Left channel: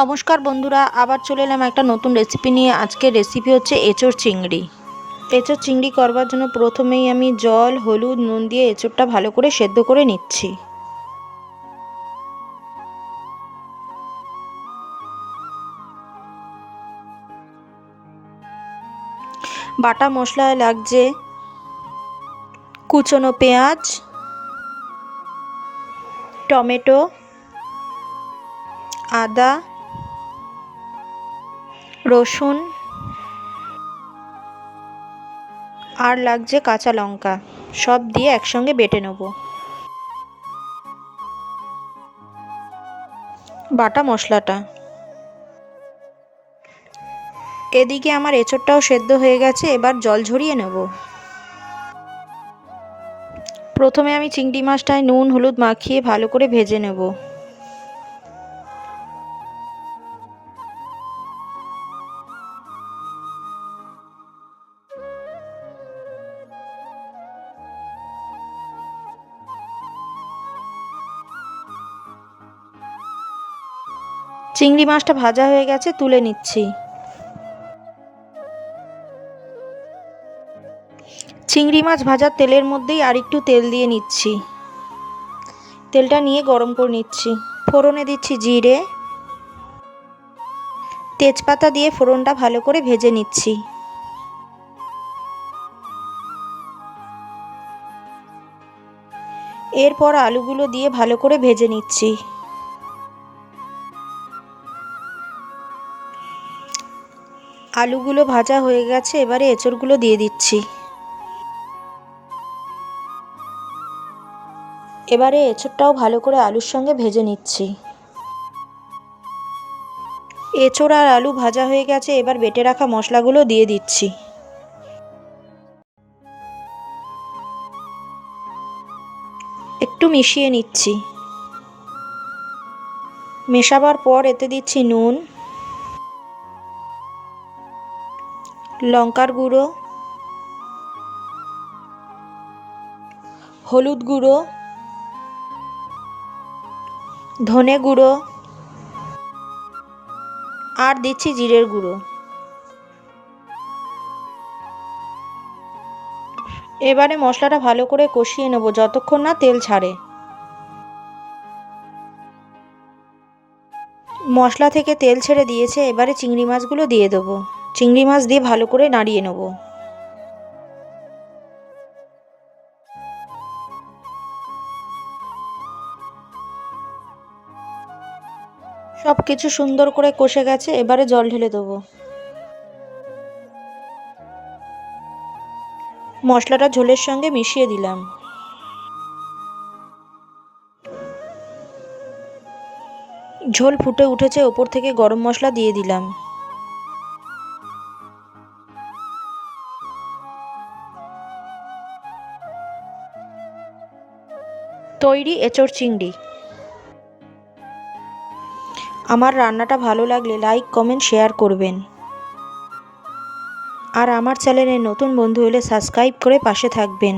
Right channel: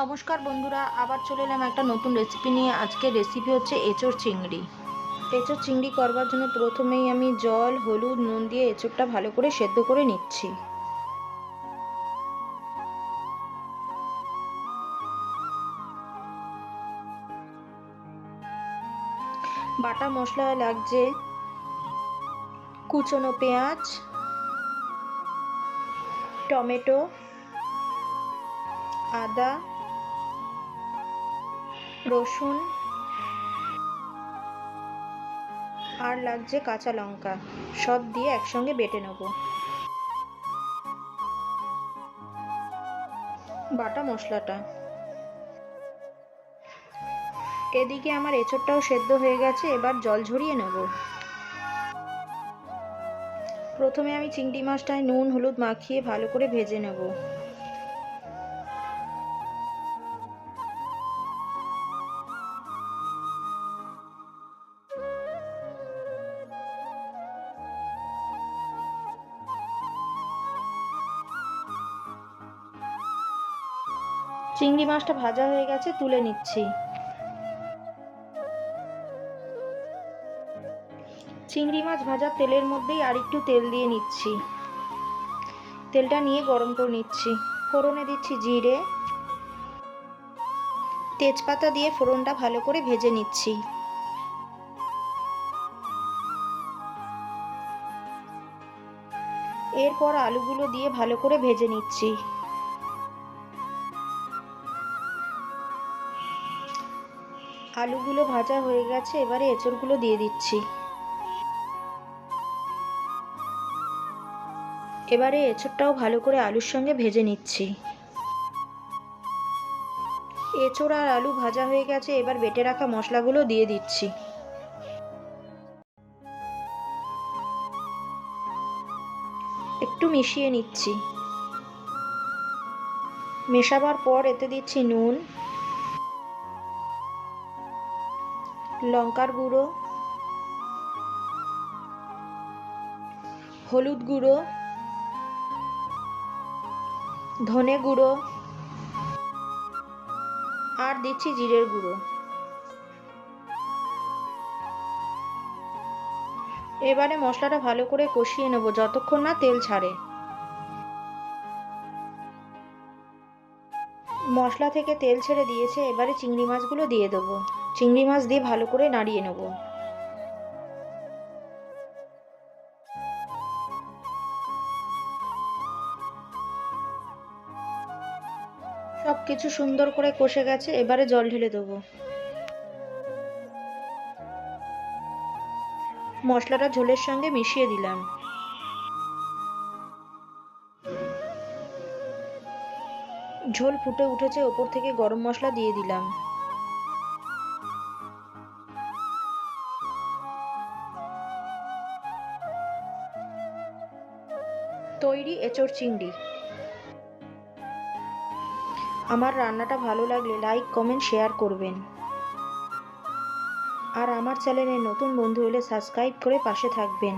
নমস্কার বন্ধুরা, আবার চলে এলাম একটা নতুন রেসিপি নিয়ে। আজকের রেসিপি হচ্ছে এঁচোড় চিংড়ি। এঁচোড় চিংড়ি করবার জন্য প্রথমেই আমি জল, হলুদ, নুন দিয়ে এঁচোড়টা ভালো করে সেদ্ধ করে নিচ্ছি। বাটা মশলায় লাগছে কুচনো পেঁয়াজ, টমেটো, আদা, রসুন আর লাগছে কাঁচা লঙ্কা। সব দিয়ে একসঙ্গে বেটে নেব। বাটা মশলাটা এদিকে আমার এঁচোড়টাও সেদ্ধ হয়ে গেছে। এবার জল ঝরিয়ে নেব। প্রথমে আমি চিংড়ি মাছটায় নুন হলুদ মাখিয়ে ভালো করে ভেজে নেব। চিংড়ি মাছটা ভাজা হয়ে গেছে, তুলে নিচ্ছি। চিংড়ি মাছ ভাজার তেলের মধ্যেই আর একটু তেল দিয়ে নিচ্ছি। তেলটা নিয়ে গরম করে নিচ্ছি। ফোড়নে দিচ্ছি জিরে, তেজপাতা দিয়ে ফোড়নটা ভালো করে ভেজে নিচ্ছি। এরপর আলুগুলো দিয়ে ভালো করে ভেজে নিচ্ছি। আলুগুলো ভাজা হয়ে গেছে, এবারে এঁচোড়গুলো দিয়ে দিচ্ছি। এবারে এঁচোড়টাও ভালো করে আলুর সঙ্গে ভেজে নিচ্ছি। এঁচোড় আর আলু ভাজা হয়ে গেছে, এবার বেটে রাখা মশলাগুলো দিয়ে দিচ্ছি। একটু মিশিয়ে নিচ্ছি। মেশাবার পর এতে দিচ্ছি নুন, লঙ্কার গুঁড়ো, হলুদ গুঁড়ো, ধনে গুঁড়ো আর দিচ্ছি জিরের গুঁড়ো। এবারে মশলাটা ভালো করে কষিয়ে নেব যতক্ষণ না তেল ছাড়ে। মশলা থেকে তেল ছেড়ে দিয়েছে, এবারে চিংড়ি মাছগুলো দিয়ে দেবো। চিংড়ি মাছ দিয়ে ভালো করে নাড়িয়ে নেব। সব কিছু সুন্দর করে কষে গেছে, এবারে জল ঢেলে দেবো। মশলাটা ঝোলের সঙ্গে মিশিয়ে দিলাম। ঝোল ফুটে উঠেছে, ওপর থেকে গরম মশলা দিয়ে দিলাম। তৈরি এঁচোড় চিংড়ি। আমার রান্নাটা ভালো লাগলে লাইক কমেন্ট শেয়ার করবেন। আর আমার চ্যানেলে নতুন বন্ধু হলে সাবস্ক্রাইব করে পাশে থাকবেন।